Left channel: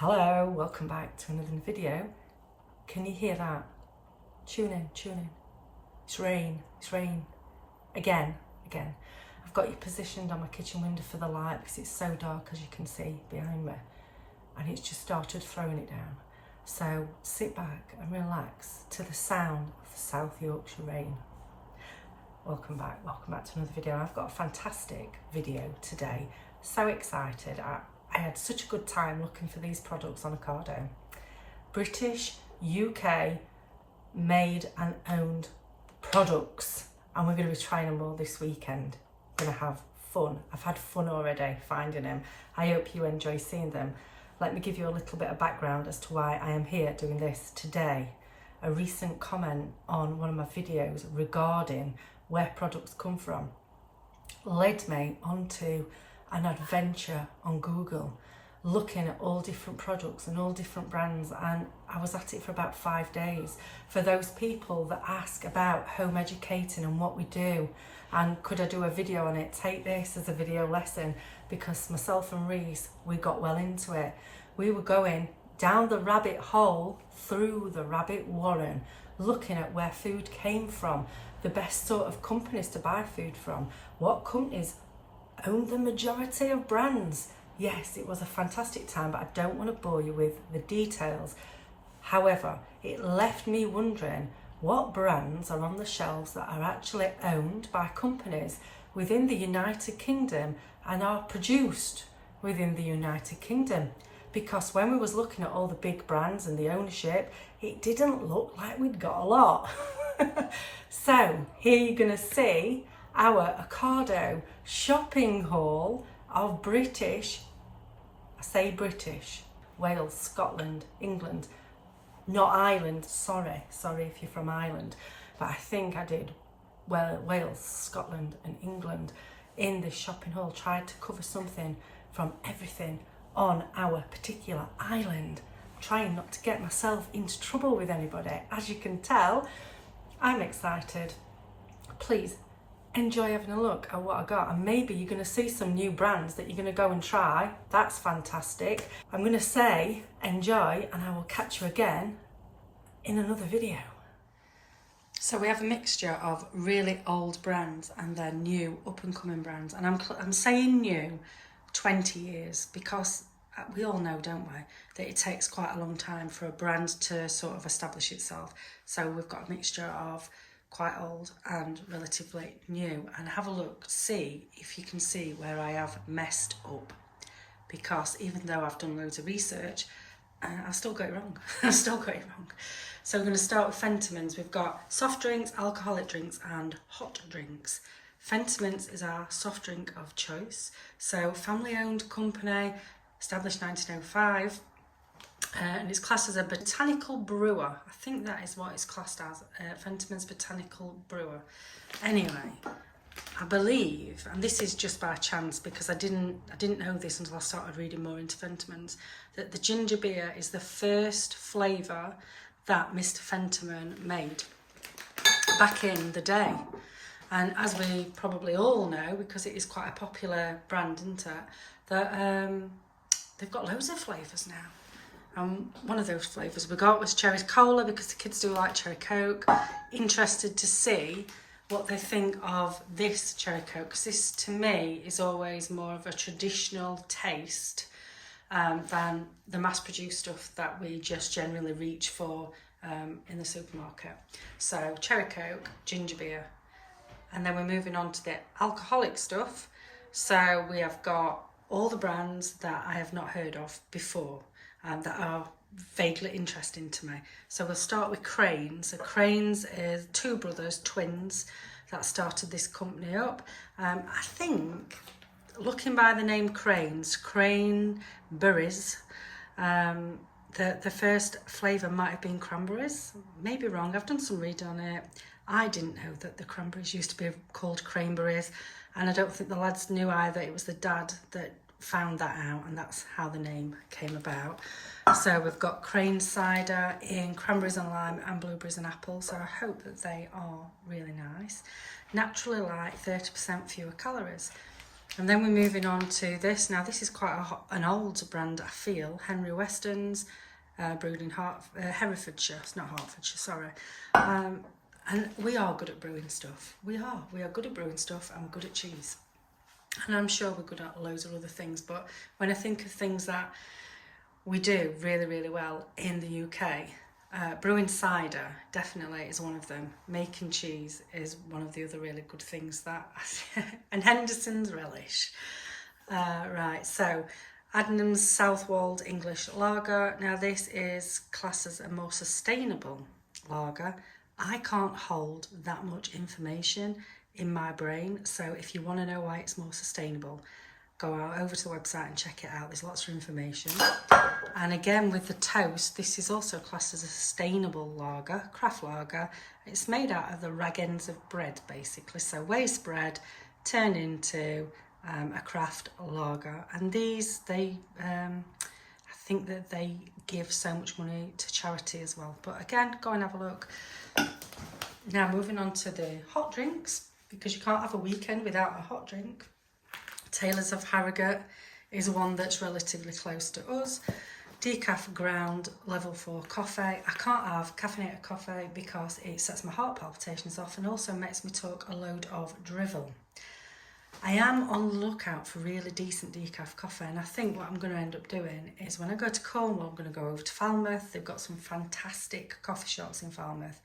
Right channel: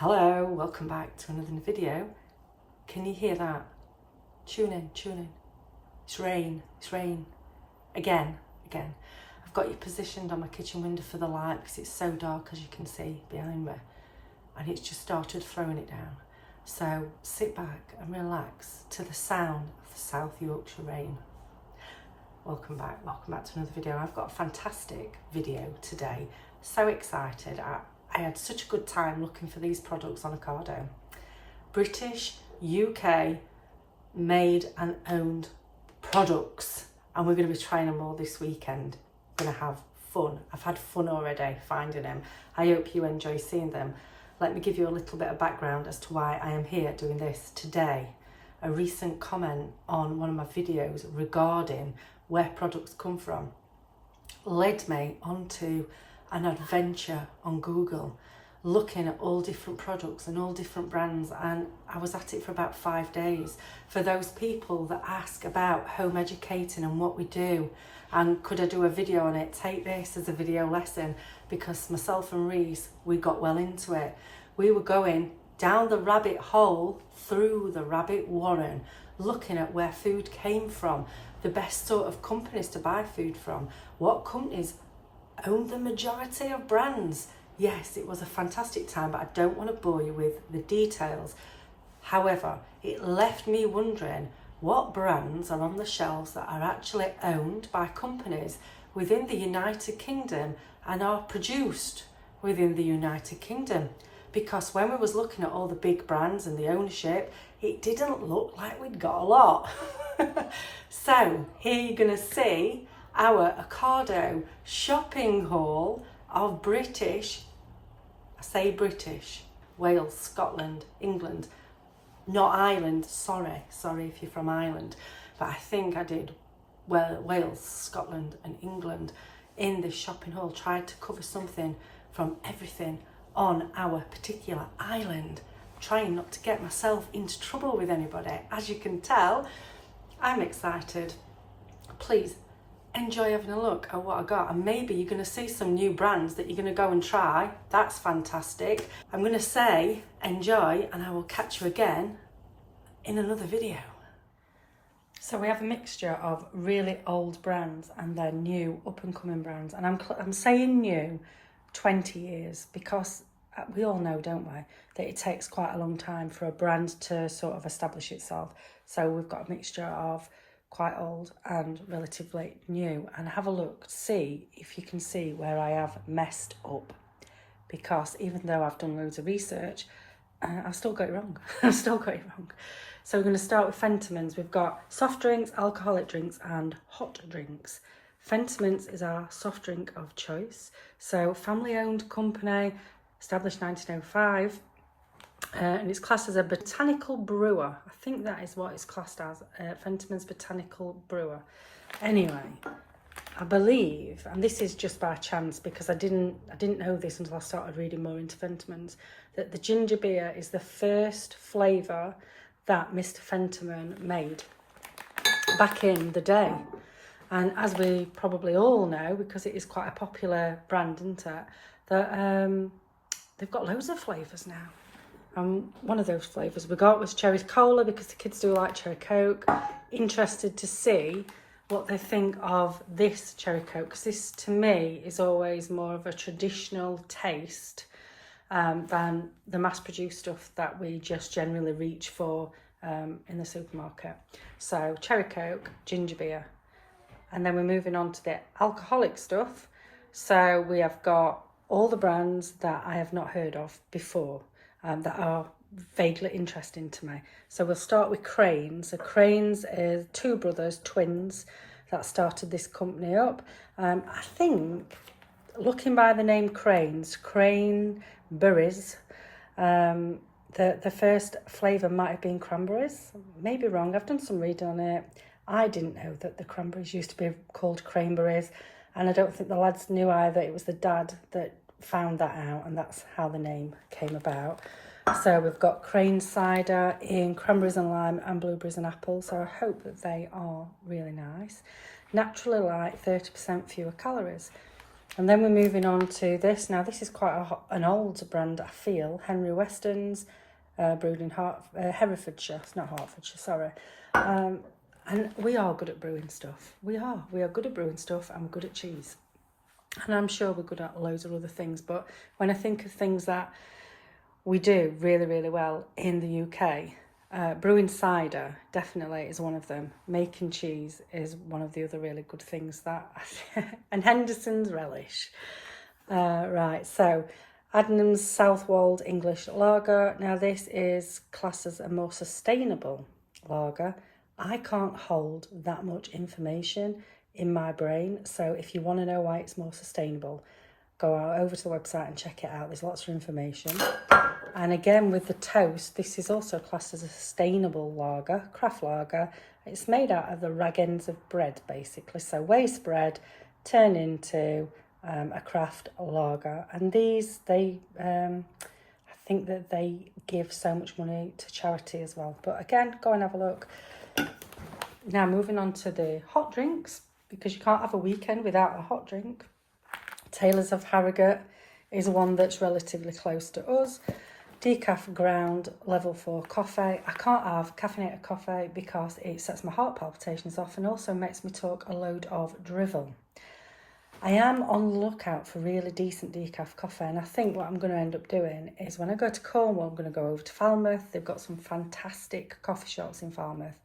Hello, welcome back to another video. Can you hear that? Tune in. It's rain. Again. I've got you positioned on my kitchen window for the light because it's so dark, as you can see behind me, and it's just started throwing it down. So sit back and relax to the sound of the South Yorkshire rain. Welcome back to another video. I've got a fantastic video today. So excited. I had such a good time looking for these products on Ocado. British, UK made and owned products, and we're going to be trying them all this weekend. We're going to have fun. I've had fun already finding them. I hope you enjoy seeing them. Let me give you a little bit of background as to why I am here doing this today. A recent comment on one of my videos regarding where products come from led me onto an adventure on Google, looking at all different products and all different brands, and I was at it for about 5 days. For those people that ask about home educating and what we do, and could I do a video on it, take this as a video lesson, because myself and Reese, we got well into it. We were going down the rabbit hole, through the rabbit warren, looking at where food came from, the best sort of companies to buy food from, what companies own the majority of brands. Yes, it was a fantastic time, but I don't want to bore you with the details. However, it left me wondering what brands are on the shelves that are actually owned by companies within the United Kingdom and are produced within the United Kingdom. Because when we was looking at all the big brands and the ownership, it didn't look like we'd got a lot. So here you're going to see our Ocado shopping haul of British, I say British, Wales, Scotland, England, not Ireland, sorry if you're from Ireland, but I think I did Wales, Scotland and England in this shopping haul. Tried to cover something from everything on our particular island. I'm trying not to get myself into trouble with anybody. As you can tell, I'm excited. Please enjoy having a look at what I got, and maybe you're going to see some new brands that you're going to go and try. That's fantastic. I'm going to say enjoy, and I will catch you again in another video. So we have a mixture of really old brands and then new up and coming brands, and I'm saying new 20 years because we all know, don't we, that it takes quite a long time for a brand to sort of establish itself. So we've got a mixture of quite old and relatively new, and have a look, see if you can see where I have messed up, because even though I've done loads of research, I've still got it wrong. So we're going to start with Fentimans. We've got soft drinks, alcoholic drinks and hot drinks. Fentimans is our soft drink of choice. So family owned company, established 1905. And it's classed as a botanical brewer. I think that is what it's classed as, Fentiman's botanical brewer. Anyway, I believe, and this is just by chance because I didn't know this until I started reading more into Fentiman's, that the ginger beer is the first flavour that Mr. Fentiman made back in the day. And as we probably all know, because it is quite a popular brand, isn't it, that they've got loads of flavours now. One of those flavours we got was cherry cola, because the kids do like cherry coke. Interested to see what they think of this cherry coke, because this to me is always more of a traditional taste than the mass-produced stuff that we just generally reach for in the supermarket. So cherry coke, ginger beer, and then we're moving on to the alcoholic stuff. So we have got all the brands that I have not heard of before, that are vaguely interesting to me. So we'll start with Cranes. So Cranes is two brothers, twins, that started this company up. I think, looking by the name Cranes, Cranberries, the first flavour might have been Cranberries. Maybe wrong, I've done some reading on it. I didn't know that the Cranberries used to be called Cranberries, and I don't think the lads knew either. It was the dad that found that out, and that's how the name came about. So we've got Crane cider in cranberries and lime and blueberries and apple. So I hope that they are really nice. Naturally light, 30% fewer calories. And then we're moving on to this. Now, this is quite an old brand, I feel. Henry Weston's, brewed in Herefordshire. It's not Hertfordshire, sorry. And we are good at brewing stuff. We are good at brewing stuff, and we're good at cheese. And I'm sure we're good at loads of other things. But when I think of things that we do really, really well in the UK, brewing cider definitely is one of them. Making cheese is one of the other really good things that... and Henderson's relish. Right, so Adnams Southwold English Lager. Now, this is classed as a more sustainable lager. I can't hold that much information in my brain, so if you want to know why it's more sustainable, go over to the website and check it out. There's lots of information. And again, with the toast, this is also classed as a sustainable lager, craft lager. It's made out of the rag ends of bread, basically. So waste bread turned into a craft lager. And these, I think that they give so much money to charity as well. But again, go and have a look. Now, moving on to the hot drinks, because you can't have a weekend without a hot drink. Taylor's of Harrogate is one that's relatively close to us. Decaf ground level 4 coffee. I can't have caffeinated coffee because it sets my heart palpitations off and also makes me talk a load of drivel. I am on the lookout for really decent decaf coffee, and I think what I'm going to end up doing is when I go to Cornwall, I'm going to go over to Falmouth. They've got some fantastic coffee shops in Falmouth.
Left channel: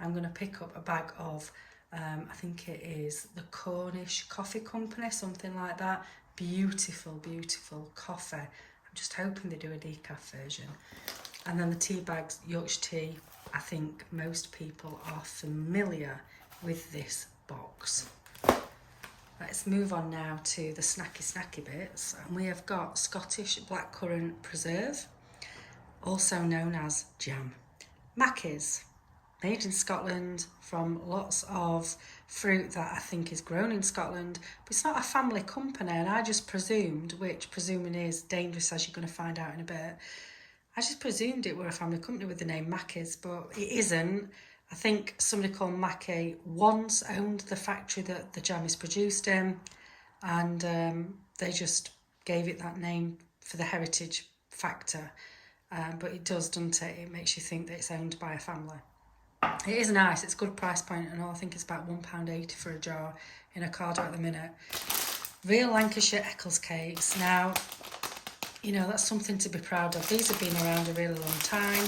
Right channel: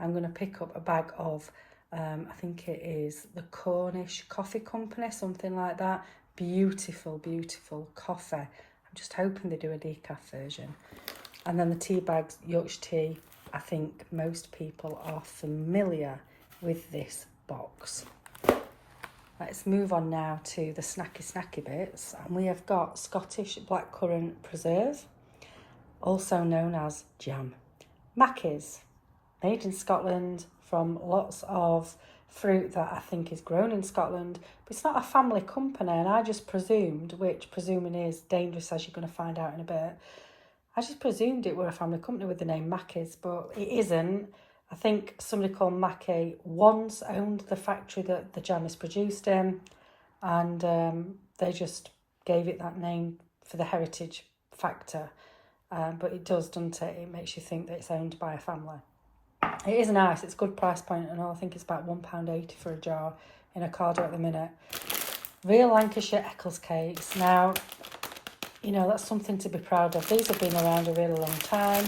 I'm going to pick up a bag of, I think it is the Cornish Coffee Company, something like that. Beautiful, beautiful coffee. I'm just hoping they do a decaf version. And then the tea bags, Yorkshire tea. I think most people are familiar with this box. Let's move on now to the snacky bits. And we have got Scottish blackcurrant preserve, also known as jam. Mackie's, made in Scotland from lots of fruit that I think is grown in Scotland, but it's not a family company, and I just presumed, which presuming is dangerous as you're going to find out in a bit, I just presumed it were a family company with the name Mackie's, but it isn't. I think somebody called Mackie once owned the factory that the jam is produced in, and they just gave it that name for the heritage factor, but it does, doesn't it? It makes you think that it's owned by a family. It is nice, it's a good price point, and I think it's about £1.80 for a jar in Ocado at the minute. Real Lancashire Eccles cakes. Now, you know, that's something to be proud of. These have been around a really long time.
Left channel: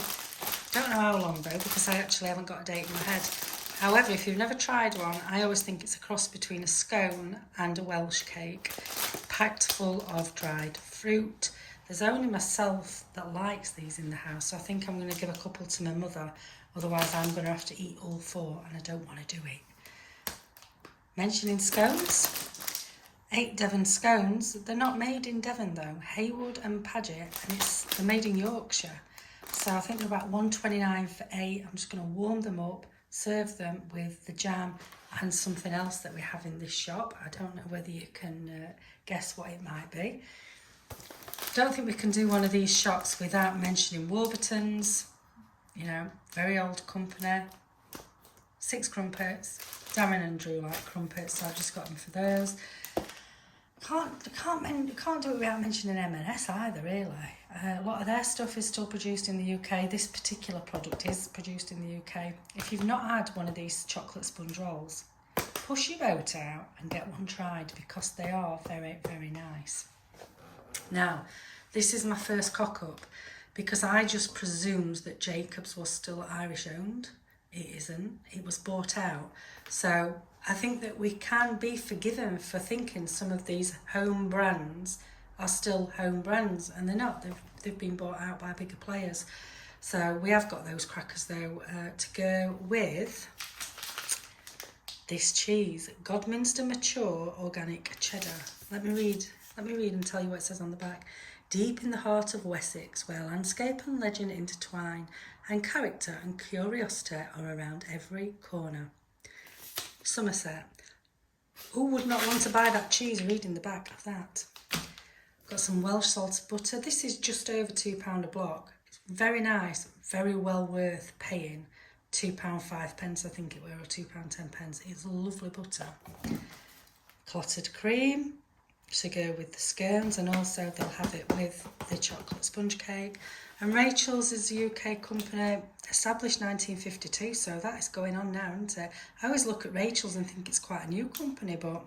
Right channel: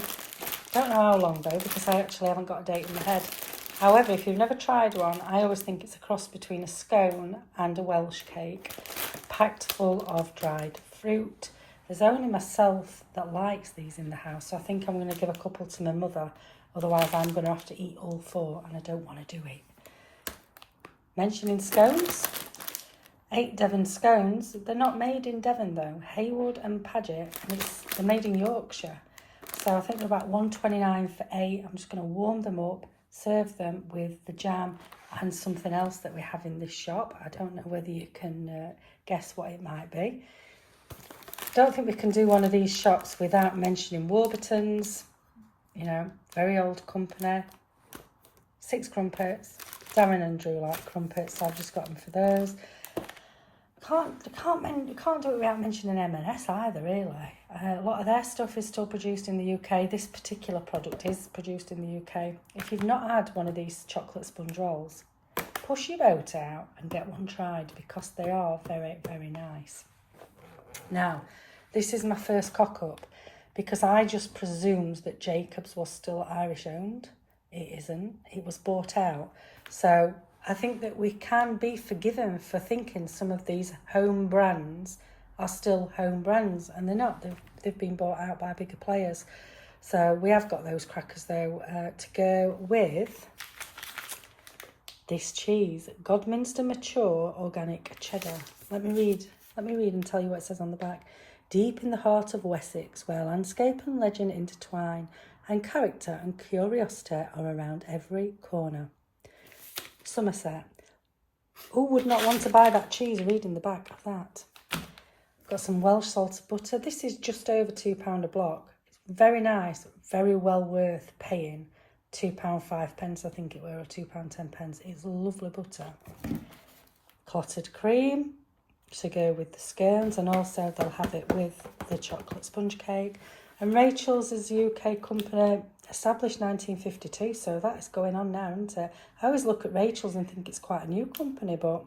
Don't know how long though, because I actually haven't got a date in my head. However, if you've never tried one, I always think it's a cross between a scone and a Welsh cake, packed full of dried fruit. There's only myself that likes these in the house, so I think I'm going to give a couple to my mother. Otherwise, I'm going to have to eat all 4, and I don't want to do it. Mentioning scones, 8 Devon scones. They're not made in Devon, though. Haywood and Paget, and they're made in Yorkshire. So I think they're about £1.29 for 8. I'm just going to warm them up, serve them with the jam and something else that we have in this shop. I don't know whether you can guess what it might be. Don't think we can do one of these shops without mentioning Warburton's. You know, very old company. 6 crumpets. Darren and Drew like crumpets, so I've just got them for those. Can't do it without mentioning M&S either, really. A lot of their stuff is still produced in the UK. This particular product is produced in the UK. If you've not had one of these chocolate sponge rolls, push your boat out and get one tried, because they are very, very nice. Now, this is my first cock-up, because I just presumed that Jacobs was still Irish owned. It isn't. It was bought out. So I think that we can be forgiven for thinking some of these home brands are still home brands, and they're not. They've been bought out by bigger players. So we have got those crackers though to go with this cheese, Godminster Mature Organic Cheddar. Let me read and tell you what it says on the back. Deep in the heart of Wessex, where landscape and legend intertwine, and character and curiosity are around every corner. Somerset. Who would not want to buy that cheese reading the back of that? Got some Welsh salted butter. This is just over £2 a block. It's very nice, very well worth paying £2.05, I think it were, or £2.10. It's lovely butter. Clotted cream. to go with the scones, and also they'll have it with the chocolate sponge cake. And Rachel's is a UK company, established 1952, so that is going on now, isn't it? I always look at Rachel's and think it's quite a new company, but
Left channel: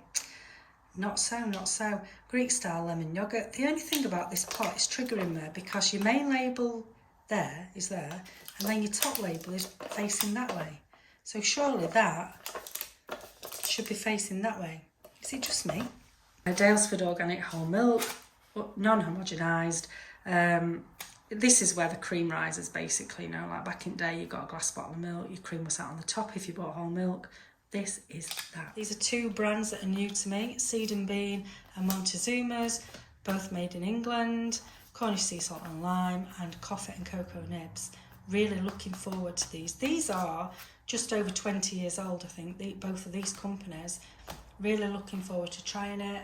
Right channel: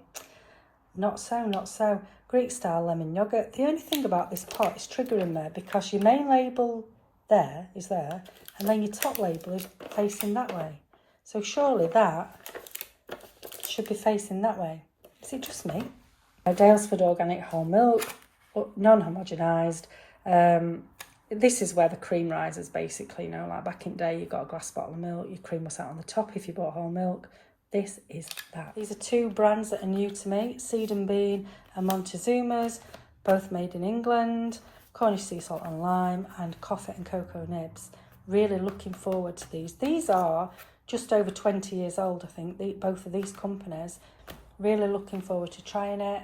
not so, not so. Greek style lemon yoghurt. The only thing about this pot is triggering there, because your main label there is there, and then your top label is facing that way. So surely that should be facing that way. Is it just me? Dalesford organic whole milk, non-homogenised. This is where the cream rises, basically. You know, like back in the day, you got a glass bottle of milk, your cream was out on the top if you bought whole milk. This is that. These are two brands that are new to me, Seed and Bean and Montezuma's, both made in England. Cornish sea salt and lime, and coffee and cocoa nibs. Really looking forward to these. These are just over 20 years old, I think, both of these companies. Really looking forward to trying it.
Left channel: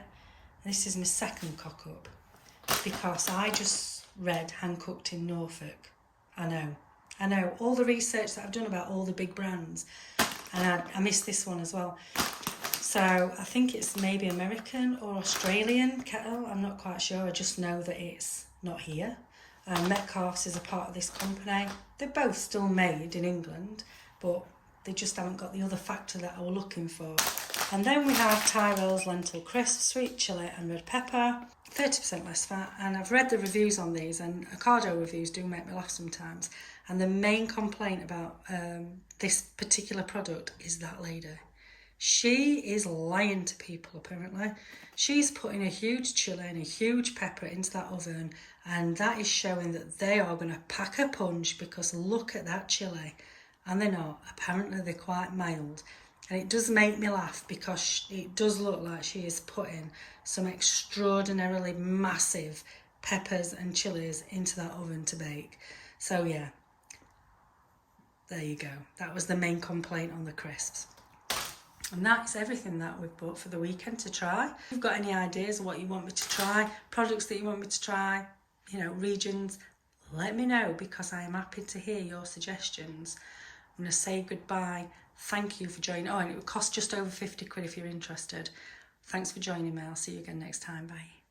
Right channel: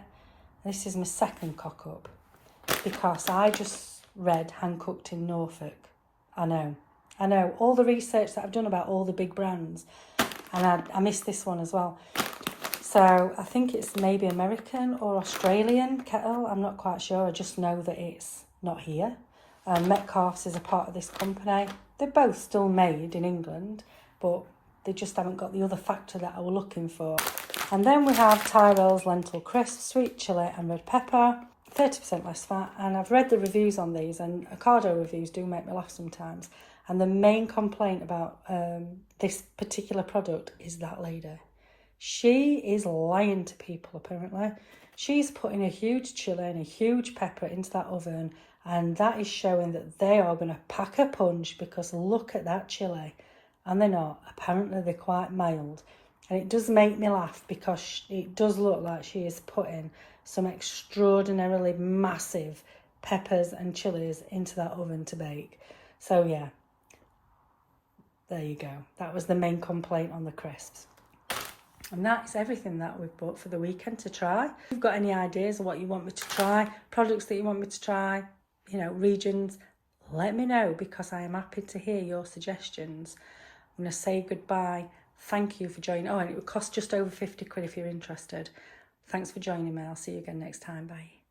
This is my second cock up, because I just read Hand Cooked in Norfolk. I know, all the research that I've done about all the big brands, and I missed this one as well. So I think it's maybe American or Australian kettle, I'm not quite sure. I just know that it's not here. Metcalfe's is a part of this company. They're both still made in England, but they just haven't got the other factor that I was looking for. And then we have Tyrell's lentil crisp, sweet chilli and red pepper, 30% less fat. And I've read the reviews on these, and Ocado reviews do make me laugh sometimes. And the main complaint about this particular product is that lady. She is lying to people, apparently. She's putting a huge chilli and a huge pepper into that oven, and that is showing that they are going to pack a punch, because look at that chilli. And they're not. Apparently they're quite mild. And it does make me laugh, because it does look like she is putting some extraordinarily massive peppers and chilies into that oven to bake. So yeah, there you go. That was the main complaint on the crisps. And that is everything that we've bought for the weekend to try. If you've got any ideas of what you want me to try, products that you want me to try, you know, regions, let me know, because I am happy to hear your suggestions. I'm going to say goodbye. Thank you for joining. Oh, and it would cost just over 50 quid if you're interested. Thanks for joining me. I'll see you again next time. Bye.